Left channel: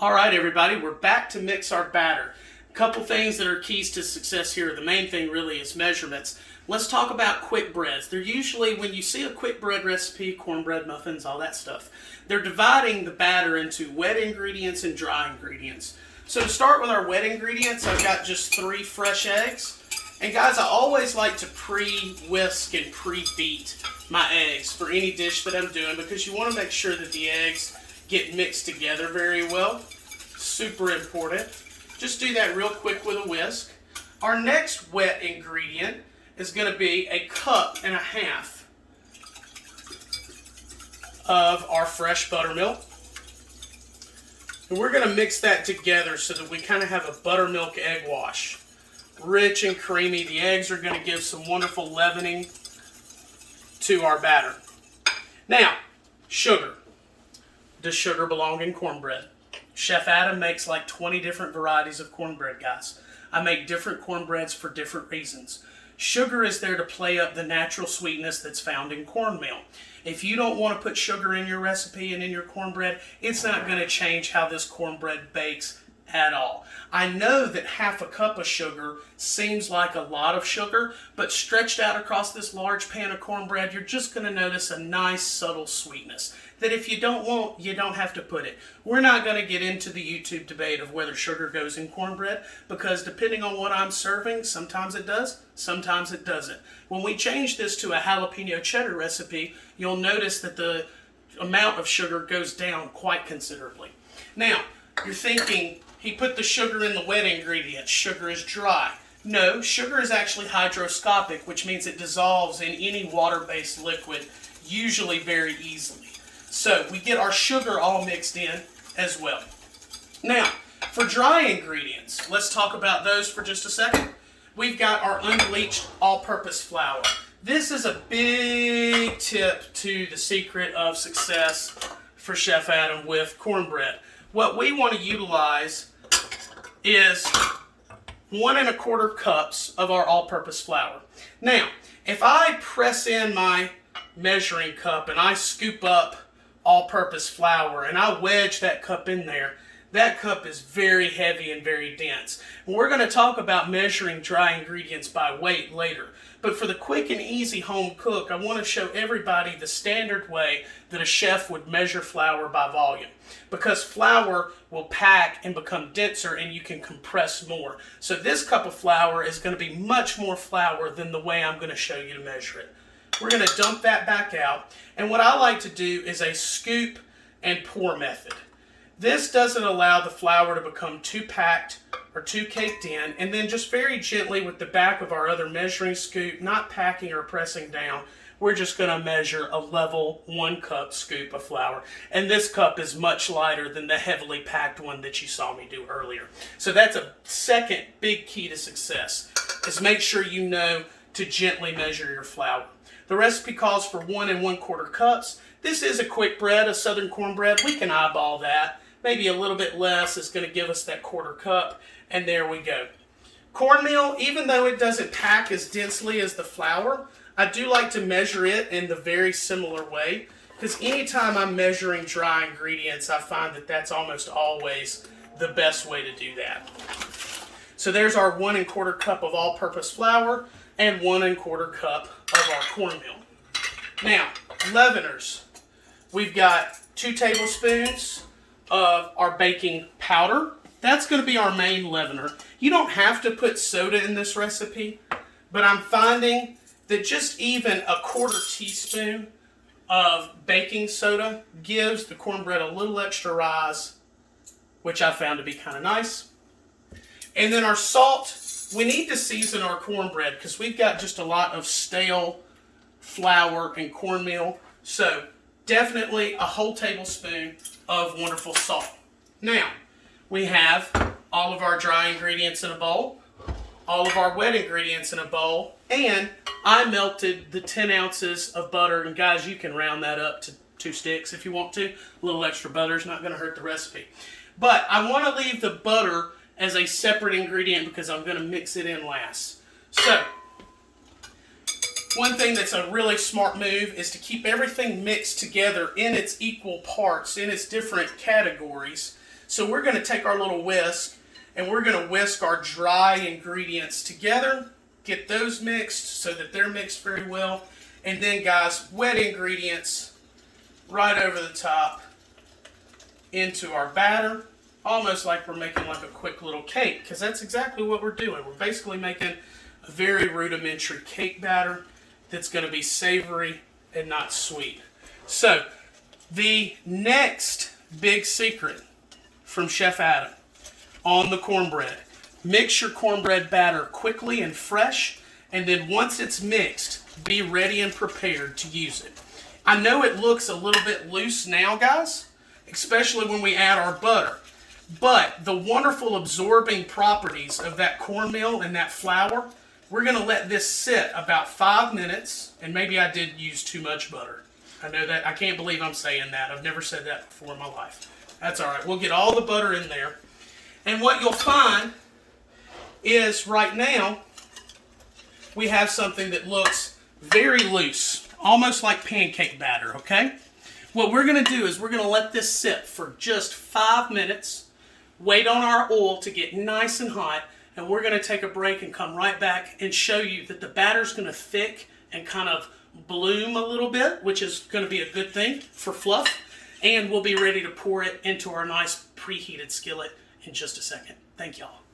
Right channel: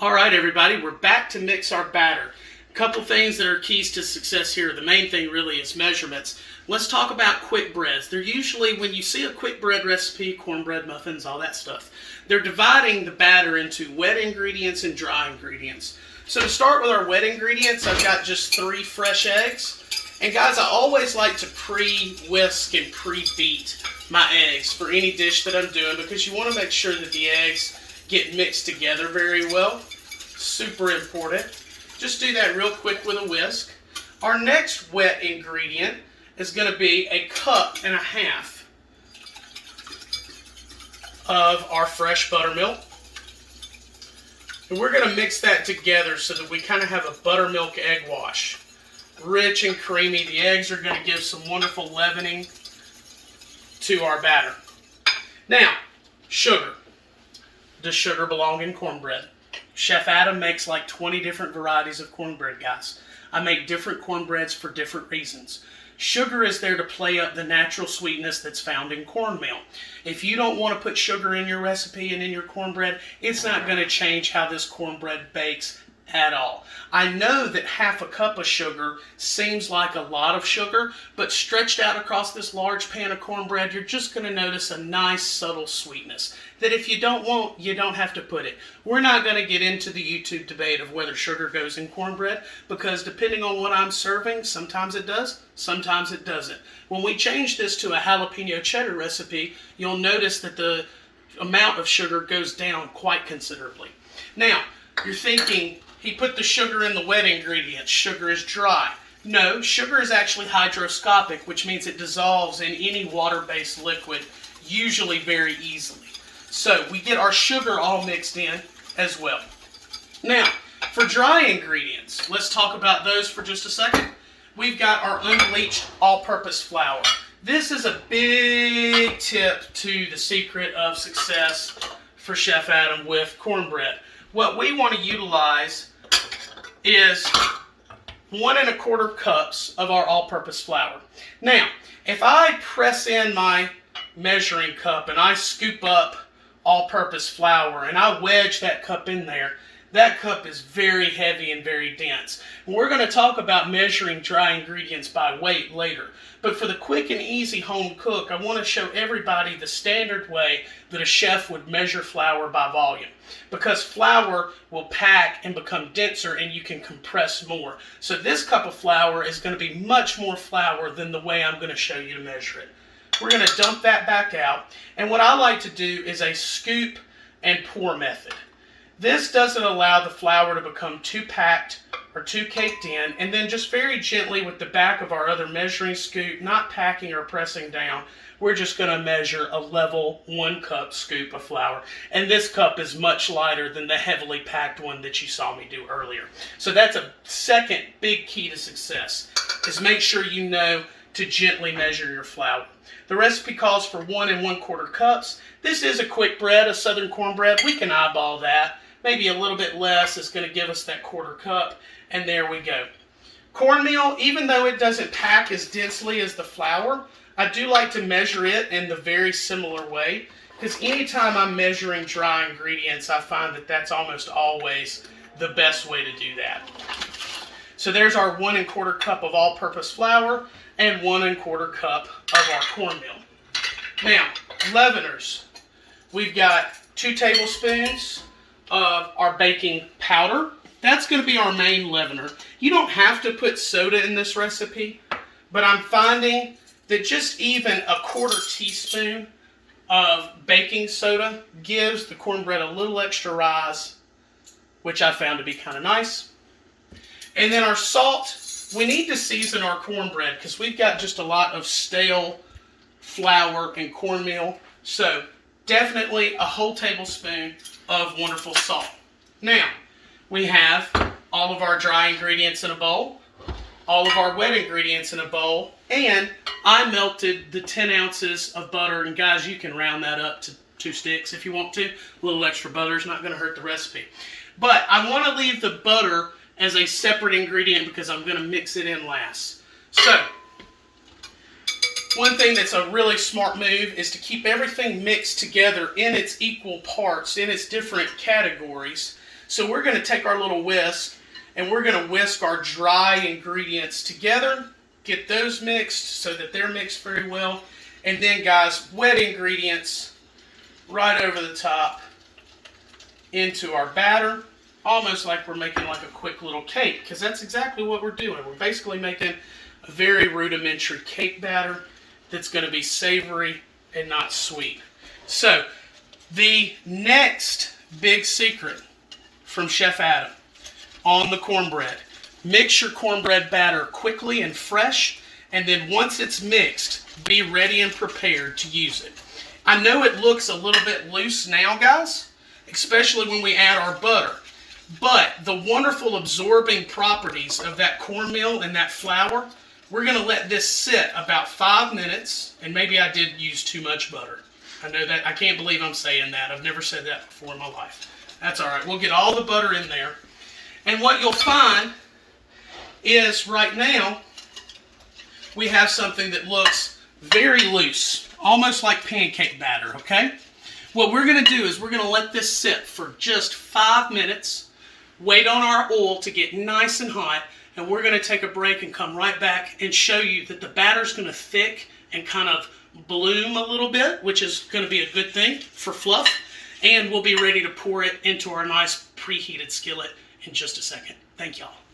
All right, everybody, we're back to mix our batter. A couple things that are keys to success here. The main thing really is measurements. Let's talk about quick breads. They're usually, when you see a quick bread recipe, cornbread, muffins, all that stuff, they're dividing the batter into wet ingredients and dry ingredients. So to start with our wet ingredients, I've got just 3 fresh eggs. And guys, I always like to pre-whisk and pre-beat my eggs for any dish that I'm doing because you want to make sure that the eggs get mixed together very well. Super important. Just do that real quick with a whisk. Our next wet ingredient is going to be 1.5 cups of our fresh buttermilk. And we're going to mix that together so that we kind of have a buttermilk egg wash. Rich and creamy. The eggs are going to give some wonderful leavening to our batter. Now, sugar. Does sugar belong in cornbread? Chef Adam makes like 20 different varieties of cornbread, guys. I make different cornbreads for different reasons. Sugar is there to play up the natural sweetness that's found in cornmeal. If you don't want to put sugar in your recipe and in your cornbread, it's not going to change how this cornbread bakes at all. I know that 1/2 cup of sugar seems like a lot of sugar, but stretched out across this large pan of cornbread, you're just going to notice a nice subtle sweetness that if you don't want, you don't have to put it. We're not going to get into the YouTube debate of whether sugar goes in cornbread because depending on what I'm serving, sometimes it does, sometimes it doesn't. When we change this to a jalapeno cheddar recipe, you'll notice that the amount of sugar goes down quite considerably. Now, you're thinking, he put the sugar in the wet ingredients. Sugar is dry. No, sugar is actually hygroscopic, which means it dissolves in any water-based liquid, usually very easily. So we get our sugar all mixed in as well. Now, for dry ingredients, let's talk about those for just a second. We've got our unbleached all-purpose flour. This is a big tip to the secret of success for Chef Adam with cornbread. What we want to utilize is 1.25 cups of our all-purpose flour. Now, if I press in my measuring cup and I scoop up all-purpose flour and I wedge that cup in there, that cup is very heavy and very dense. We're going to talk about measuring dry ingredients by weight later. But for the quick and easy home cook, I want to show everybody the standard way that a chef would measure flour by volume. Because flour will pack and become denser and you can compress more. So this cup of flour is going to be much more flour than the way I'm going to show you to measure it. We're going to dump that back out. And what I like to do is a scoop and pour method. This doesn't allow the flour to become too packed or too caked in, and then just very gently with the back of our other measuring scoop, not packing or pressing down, we're just going to measure a level 1 cup scoop of flour. And this cup is much lighter than the heavily packed one that you saw me do earlier. So that's a second big key to success, is make sure you know to gently measure your flour. The recipe calls for 1 1/4 cups. This is a quick bread, a southern cornbread. We can eyeball that. Maybe a little bit less is going to give us that 1/4 cup, and there we go. Cornmeal, even though it doesn't pack as densely as the flour, I do like to measure it in the very similar way, because anytime I'm measuring dry ingredients, I find that that's almost always the best way to do that. So there's our 1 1/4 cup of all-purpose flour and 1 1/4 cup of our cornmeal. Now, leaveners. We've got 2 tablespoons of our baking powder. That's going to be our main leavener. You don't have to put soda in this recipe, but I'm finding that just even a 1/4 teaspoon of baking soda gives the cornbread a little extra rise, which I found to be kind of nice. And then our salt. We need to season our cornbread because we've got just a lot of stale flour and cornmeal. So definitely a whole tablespoon of wonderful salt. Now, we have all of our dry ingredients in a bowl, all of our wet ingredients in a bowl, and I melted the 10 ounces of butter. And guys, you can round that up to 2 sticks if you want to. A little extra butter is not going to hurt the recipe. But I want to leave the butter as a separate ingredient because I'm going to mix it in last. So, one thing that's a really smart move is to keep everything mixed together in its equal parts, in its different categories, So we're going to take our little whisk and we're going to whisk our dry ingredients together, get those mixed so that they're mixed very well. And then, guys, wet ingredients right over the top into our batter, almost like we're making like a quick little cake, because that's exactly what we're doing. We're basically making a very rudimentary cake batter that's going to be savory and not sweet. So, the next big secret from Chef Adam on the cornbread: mix your cornbread batter quickly and fresh, and then once it's mixed, be ready and prepared to use it. I know it looks a little bit loose now, guys, especially when we add our butter, but the wonderful absorbing properties of that cornmeal and that flour, we're going to let this sit about 5 minutes, and maybe I did use too much butter. I know that. I can't believe I'm saying that. I've never said that before in my life. That's all right. We'll get all the butter in there. And what you'll find is right now we have something that looks very loose, almost like pancake batter, okay? What we're going to do is we're going to let this sit for just 5 minutes, wait on our oil to get nice and hot, and we're going to take a break and come right back and show you that the batter's going to thick and kind of bloom a little bit, which is going to be a good thing for fluff, and we'll be ready to pour it into our nice preheated skillet in just a second. Thank y'all.